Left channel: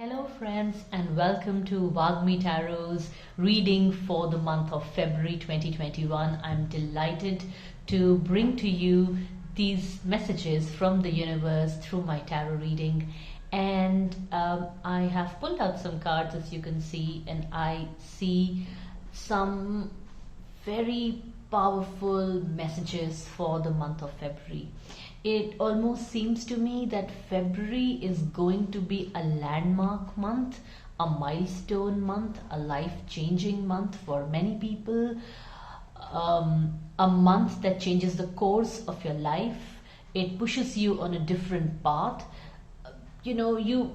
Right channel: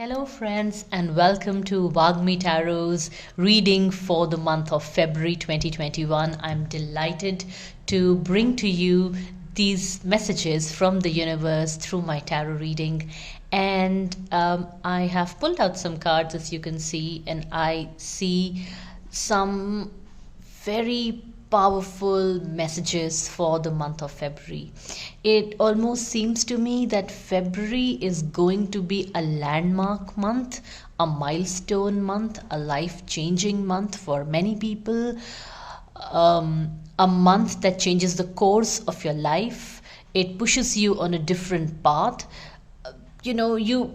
Hello, friends, and welcome to Wagmi Tarot's reading for the month of February 2021. I'm delighted to bring to you these messages from the universe through my tarot reading. And I have pulled out some cards, as you can see, and I see some very powerful messages for the month of February. It almost seems to me that February is going to be a landmark month, a milestone month, a life changing month for many people, a month that changes the course of your life. It pushes you on a different path. You know,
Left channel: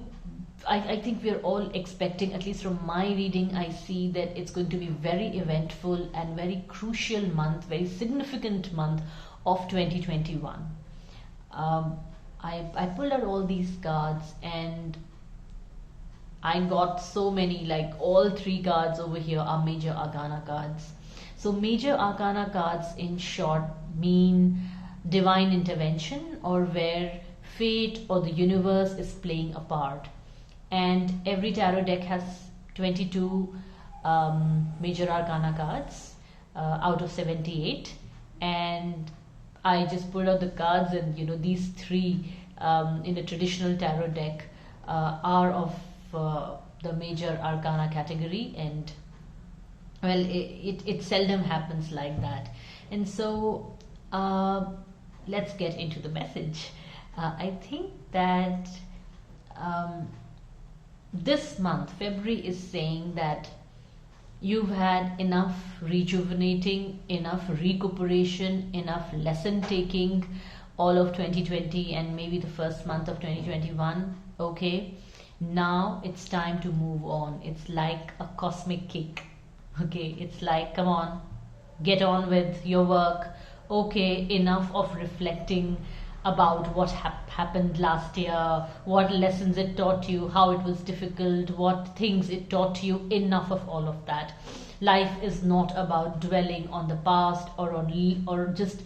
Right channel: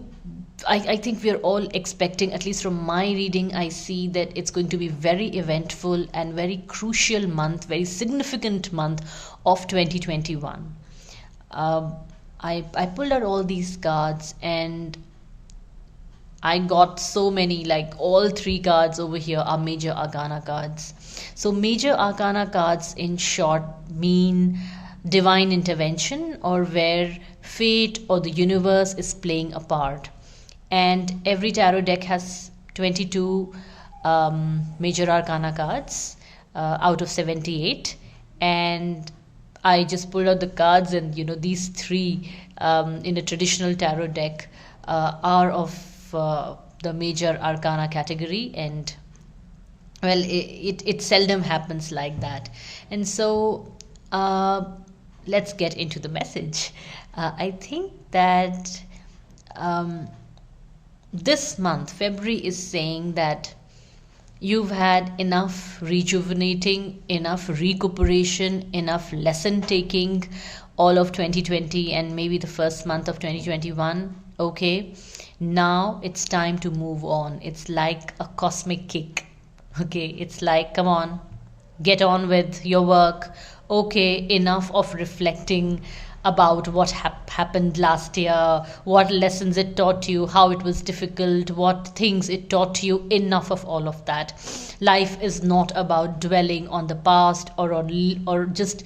I think we're all expecting, at least from my reading, I see that it's going to be very eventful and very crucial month, very significant month of 2021. I pulled out all these cards and I got so many, like all three cards over here are major arcana cards. So major arcana cards in short mean divine intervention, or where fate or the universe is playing a part. And every tarot deck has 22 major arcana cards out of 78. And I just pulled out the cards, and these three in a traditional tarot deck are of the major arcana category. And well, it seldom happens like that. And so let's get into the message. I think that this month, February, is saying that you've had enough rejuvenating, enough recuperation, enough lesson taking all of 2020 and maybe the first month of 2021. Okay, now it's time to move on. It's like a cosmic kick. Okay, it's like, come on, get on with your work. Okay, enough of reflecting about what happened last year, what lessons it taught you, how it was difficult, what things it taught you. Enough of all of that. Life is not about dwelling on the past, or just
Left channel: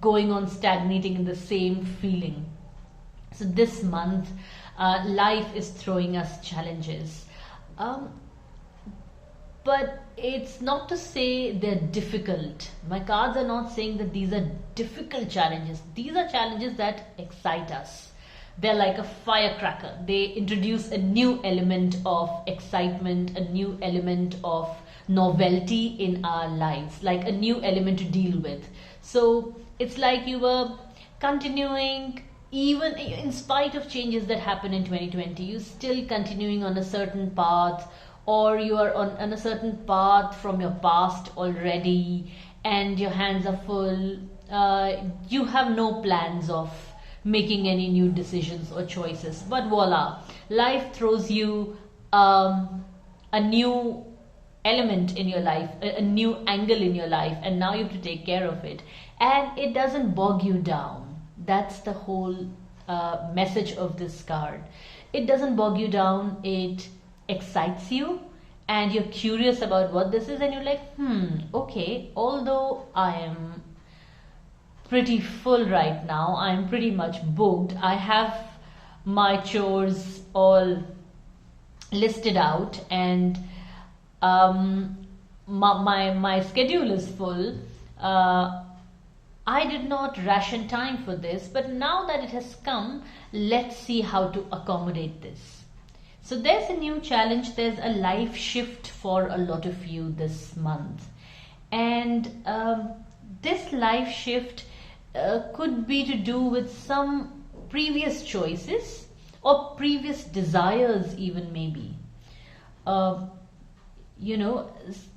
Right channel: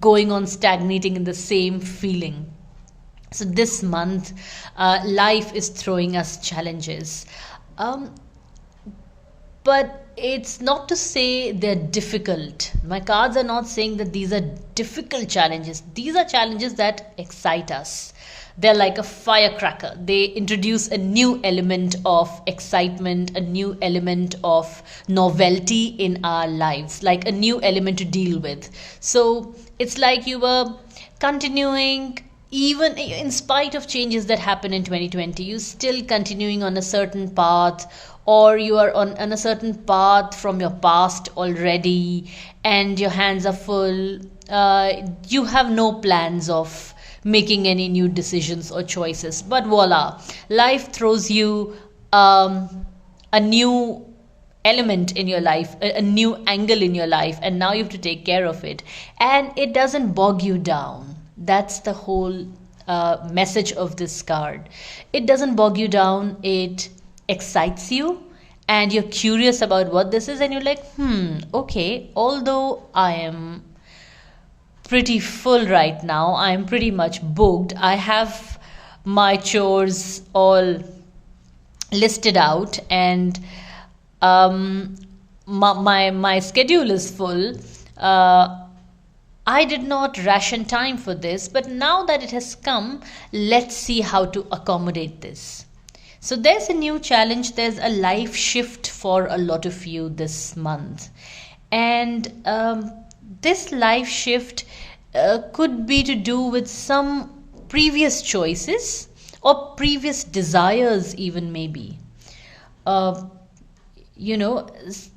going on stagnating in the same feeling. So this month, life is throwing us challenges. But it's not to say they're difficult. My cards are not saying that these are difficult challenges. These are challenges that excite us. They're like a firecracker. They introduce a new element of excitement, a new element of novelty in our lives, like a new element to deal with. So it's like you were continuing, even in spite of changes that happened in 2020, you still continuing on a certain path, or you are on a certain path from your past already and your hands are full. You have no plans of making any new decisions or choices, but voila, life throws you a new element in your life, a new angle in your life, and now you have to take care of it, and it doesn't bog you down. That's the whole message of this card. It doesn't bog you down. It excites you, and you're curious about what this is, and you're like, okay, although I am pretty full right now, I am pretty much booked, I have my chores all listed out, and my schedule is full. I did not ration time for this, but now that it has come, let's see how to accommodate this. So there's a new challenge, there's a life shift for a lot of you this month. And this life shift could be to do with some previous choices or previous desires, even maybe.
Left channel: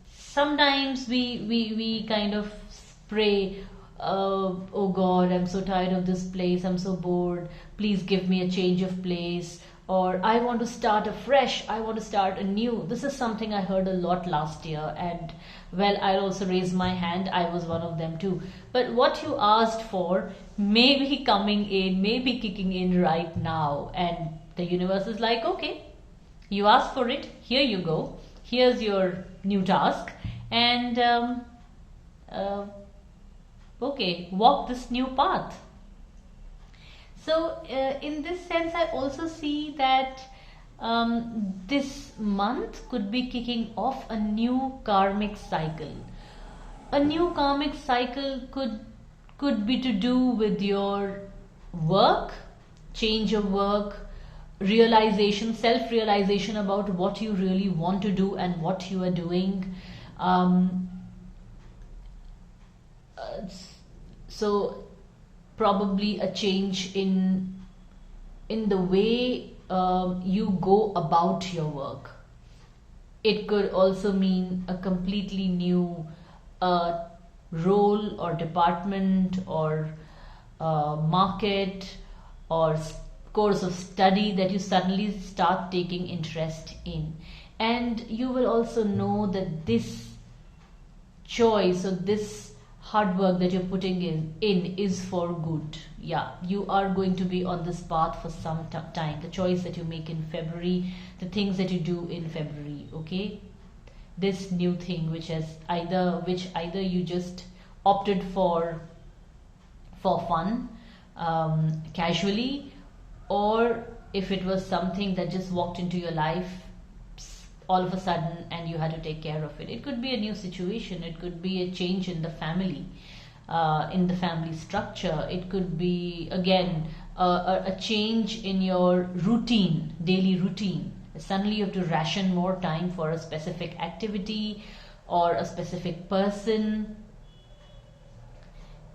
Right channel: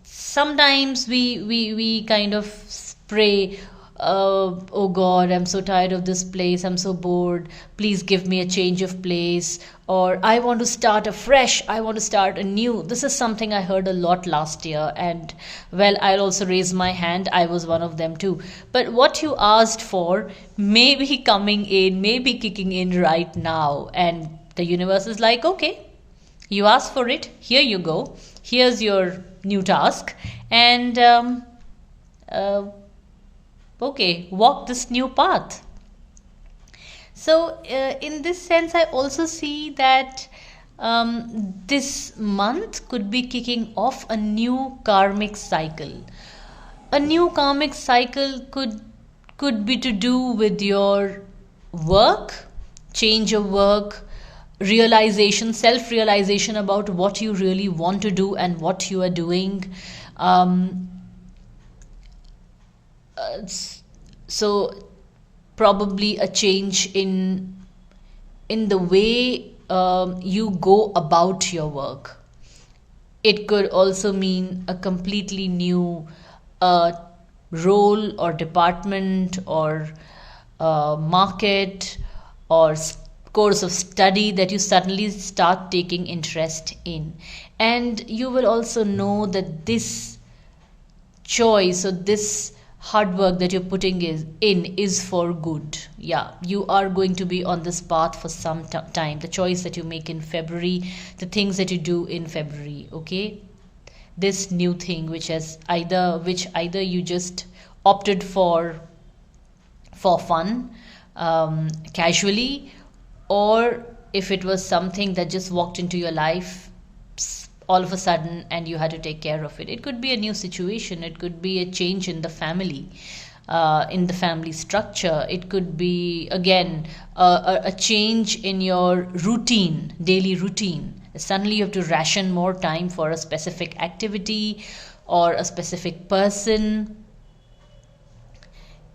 Sometimes we kind of pray, oh God, I'm so tired of this place, I'm so bored, please give me a change of place, or I want to start afresh, I want to start anew. This is something I heard a lot last year, and well, I'll also raise my hand, I was one of them too. But what you asked for may be coming in, may be kicking in right now, and the universe is like, okay, you asked for it, here you go, here's your new task, and okay, walk this new path. So in this sense, I also see that This month could be kicking off a new karmic cycle. A new karmic cycle could be to do with your work, change of work, realization, self realization about what you really want to do and what you are doing. um, so probably a change in the way you go about your work. It could also mean a completely new uh, role or department or market or course of study that you suddenly start taking interest in. And you will also know that this choice or this hard work that you're putting is for good. Yeah, you are going to be on this path for some time. The choice that you make in February, the things that you do in February, okay, this new thing which either you just opted for fun, casually, or if it was something that just walked into your life all of a sudden and you had to take care of it. It could be a new situation, it could be a change in the family structure, it could be again a change in your routine, daily routine. Suddenly you have to ration more time for a specific activity or a specific person.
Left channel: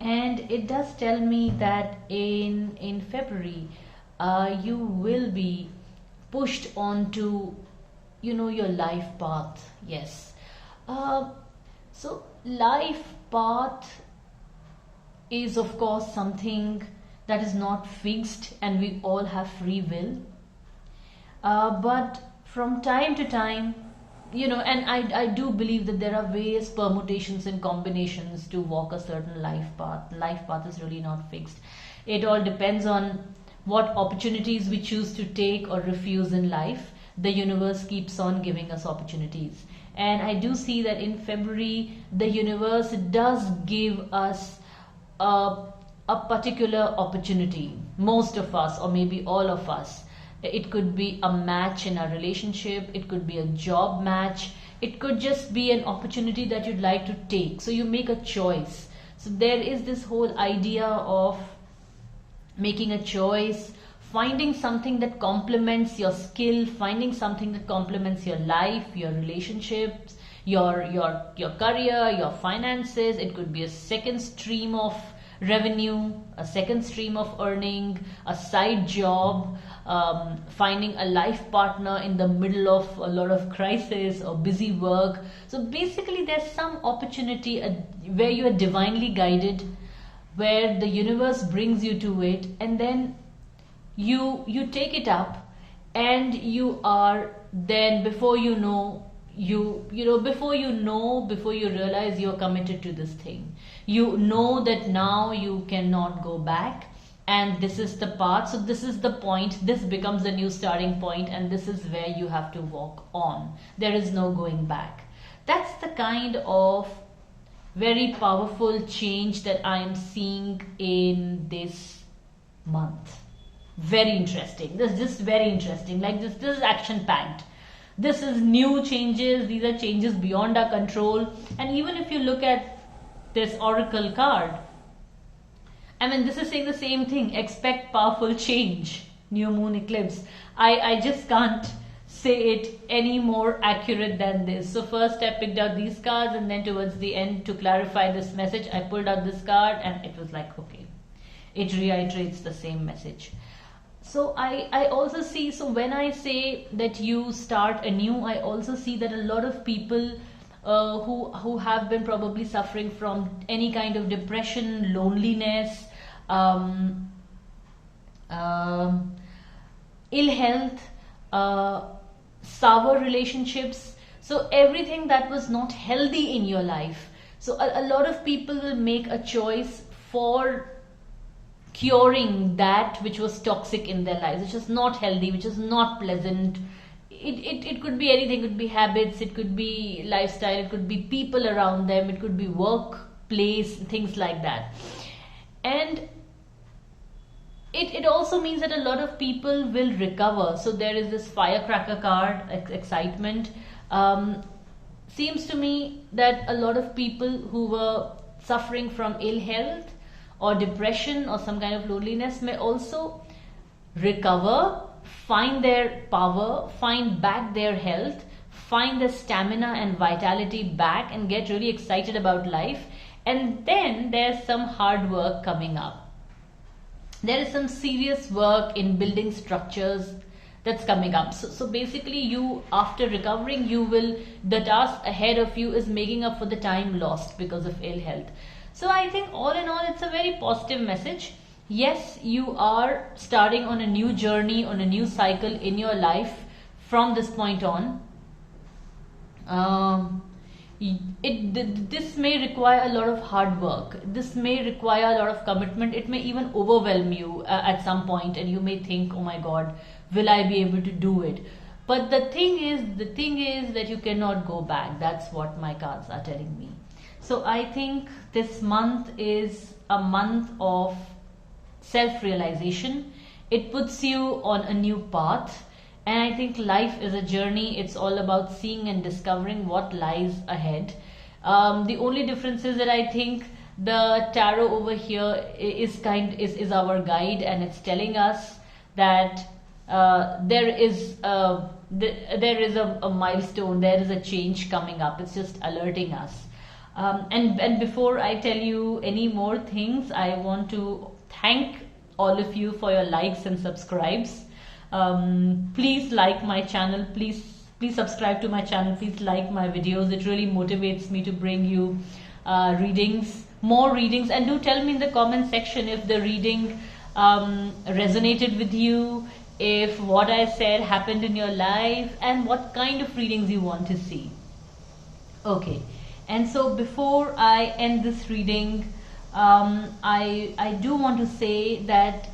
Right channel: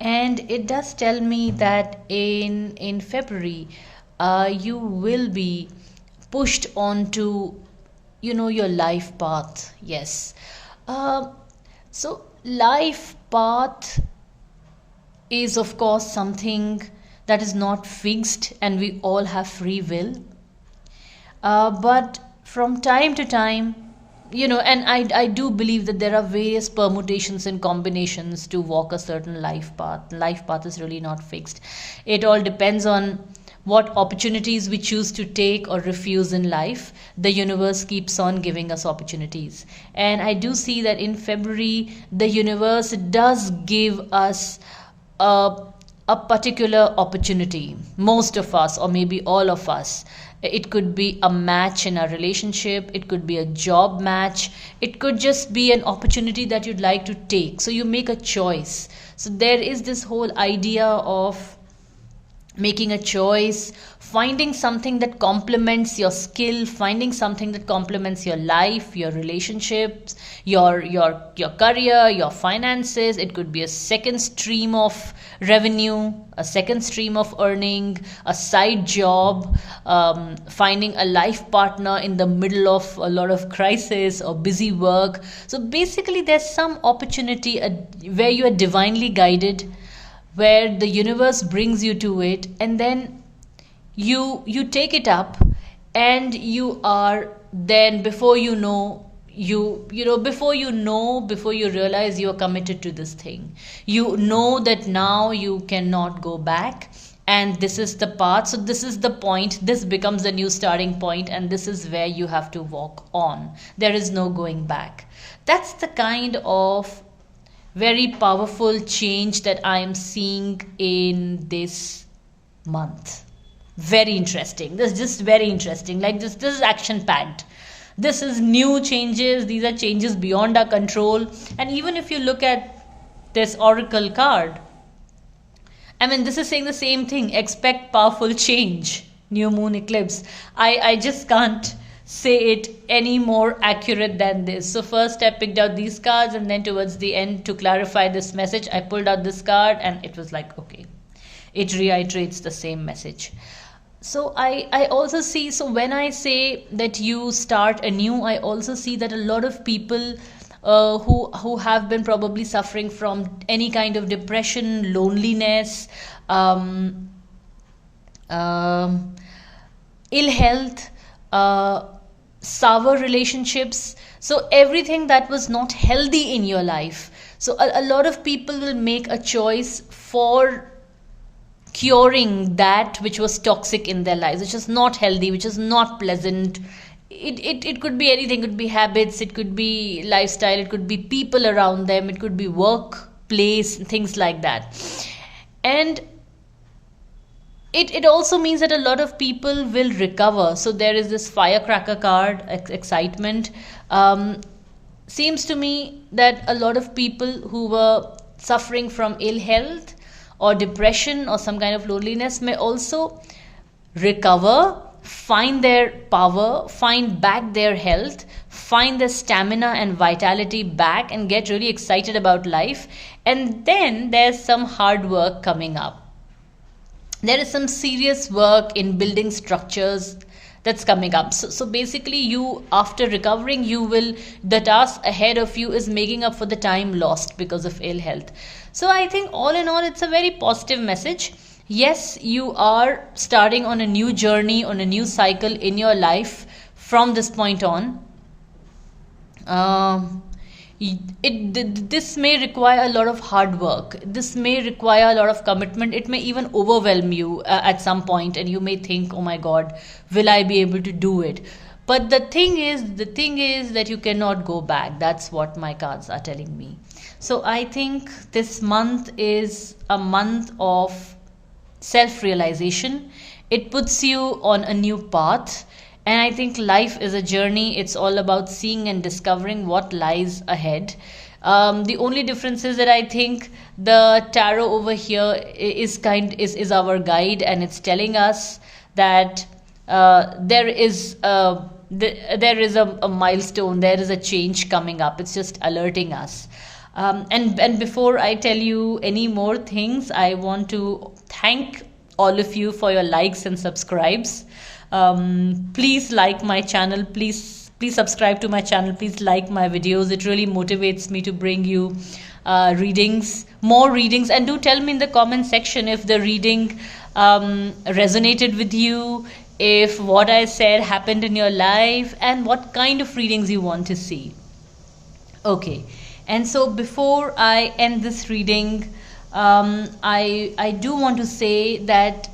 And it does tell me that in February, you will be pushed onto, your life path. Yes. uh, so life path is of course something that is not fixed, and we all have free will. But from time to time, and I do believe that there are various permutations and combinations to walk a certain life path. Life path is really not fixed. It all depends on what opportunities we choose to take or refuse in life. The universe keeps on giving us opportunities. And I do see that in February, the universe does give us a, a particular opportunity. Most of us, or maybe all of us. It could be a match in a relationship, it could be a job match, it could just be an opportunity that you'd like to take. So you make a choice. So there is this whole idea of making a choice, finding something that complements your skill, finding something that complements your life, your relationships, your career, your finances. It could be a second stream of revenue, a second stream of earning, a side job, finding a life partner in the middle of a lot of crisis or busy work. So basically there's some opportunity where you are divinely guided, where the universe brings you to it, and then you take it up, and you are then, before you know, before you realize, you are committed to this thing. You know that now you cannot go back, and this is the path. So this is the point, this becomes the new starting point, and this is where you have to walk on. There is no going back. That's the kind of very powerful change that I am seeing in this month. Very interesting. This is just very interesting. Like this is action packed. This is new changes. These are changes beyond our control. And even if you look at this oracle card, I mean, this is saying the same thing. Expect powerful change. New moon eclipse. I just can't say it any more accurate than this. So first I picked out these cards, and then towards the end, to clarify this message, I pulled out this card, and it was like, okay, it reiterates the same message. So I also see, so when I say that you start anew, I also see that a lot of people who have been probably suffering from any kind of depression, loneliness, um, um, ill health, sour relationships, so everything that was not healthy in your life. So a lot of people will make a choice for curing that which was toxic in their lives, which is not healthy, which is not pleasant. It could be anything. It could be habits, it could be lifestyle, it could be people around them, it could be workplace, things like that. And it also means that a lot of people will recover. So there is this firecracker card, excitement. Seems to me that a lot of people who were suffering from ill health or depression or some kind of loneliness may also recover, find their power, find back their health, find their stamina and vitality back, and get really excited about life. And then there's some hard work coming up. There is some serious work in building structures that's coming up. So basically, you, after recovering, you will, the task ahead of you is making up for the time lost because of ill health. So I think all in all, it's a very positive message. Yes, you are starting on a new journey, on a new cycle in your life from this point on. This may require a lot of hard work. This may require a lot of commitment. It may even overwhelm you at some point, and you may think, oh my god, will I be able to do it? But the thing is that you cannot go back. That's what my cards are telling me. So I think this month is a month of self-realization. It puts you on a new path. And I think life is a journey. It's all about seeing and discovering what lies ahead. The only difference is that I think the tarot over here is our guide, and it's telling us that there is a milestone, there is a change coming up. It's just alerting us. And before I tell you any more things, I want to thank all of you for your likes and subscribes. Please like my channel, please subscribe to my channel, please like my videos. It really motivates me to bring you more readings. And do tell me in the comment section if the reading resonated with you, if what I said happened in your life, and what kind of readings you want to see. Okay, and so before I end this reading, I do want to say that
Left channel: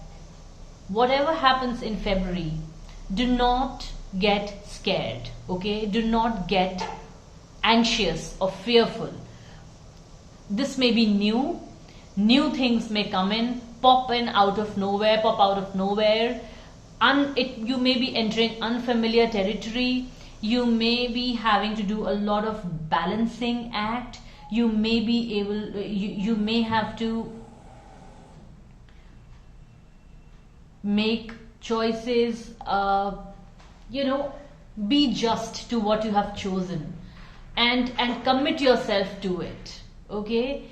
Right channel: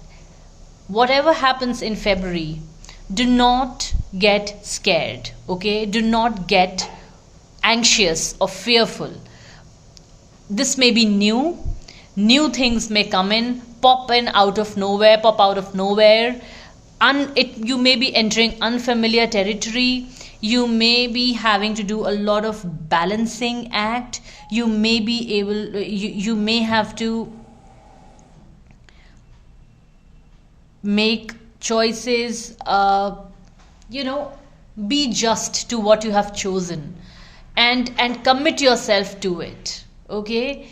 whatever happens in February, do not get scared, okay? Do not get anxious or fearful. This may be new things may come in, pop out of nowhere. You may be entering unfamiliar territory. You may be having to do a lot of balancing act. You may have to make choices, be just to what you have chosen, and commit yourself to it, okay?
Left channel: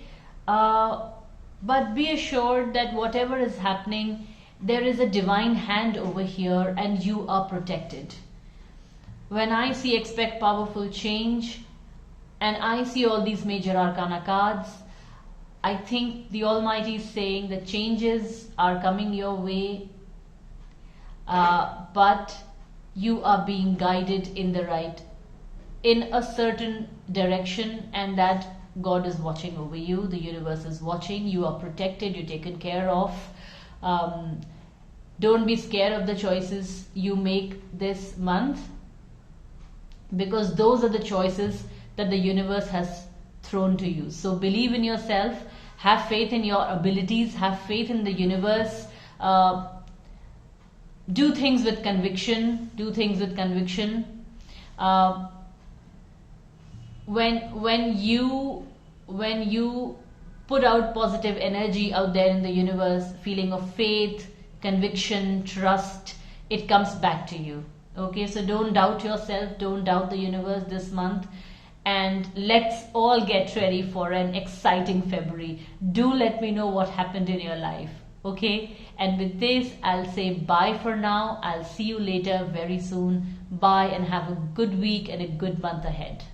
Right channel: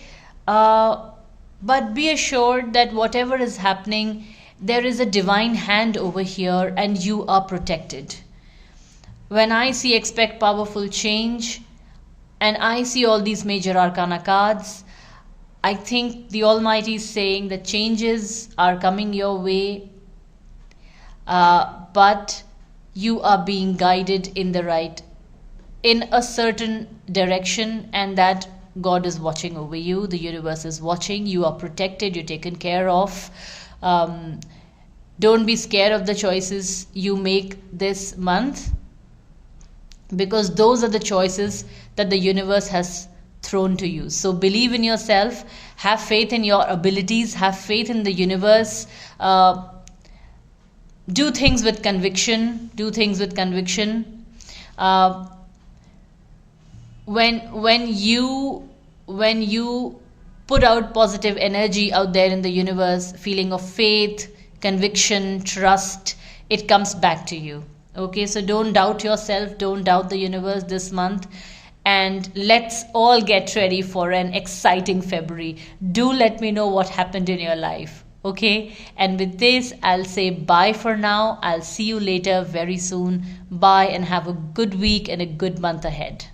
But be assured that whatever is happening, there is a divine hand over here, and you are protected. When I see expect powerful change, and I see all these major arcana cards, I think the Almighty is saying that changes are coming your way, but you are being guided in a certain direction, and that God is watching over you. The universe is watching. You are protected. You're taken care of. Don't be scared of the choices you make this month, because those are the choices that the universe has thrown to you. So believe in yourself. Have faith in your abilities. Have faith in the universe. Do things with conviction. When you put out positive energy out there in the universe, feeling of faith, conviction, trust, it comes back to you. Okay, so don't doubt yourself, don't doubt the universe this month, and let's all get ready for an exciting February. Do let me know what happened in your life. Okay, and with this, I'll say bye for now. I'll see you later very soon. Bye, and have a good week and a good month ahead.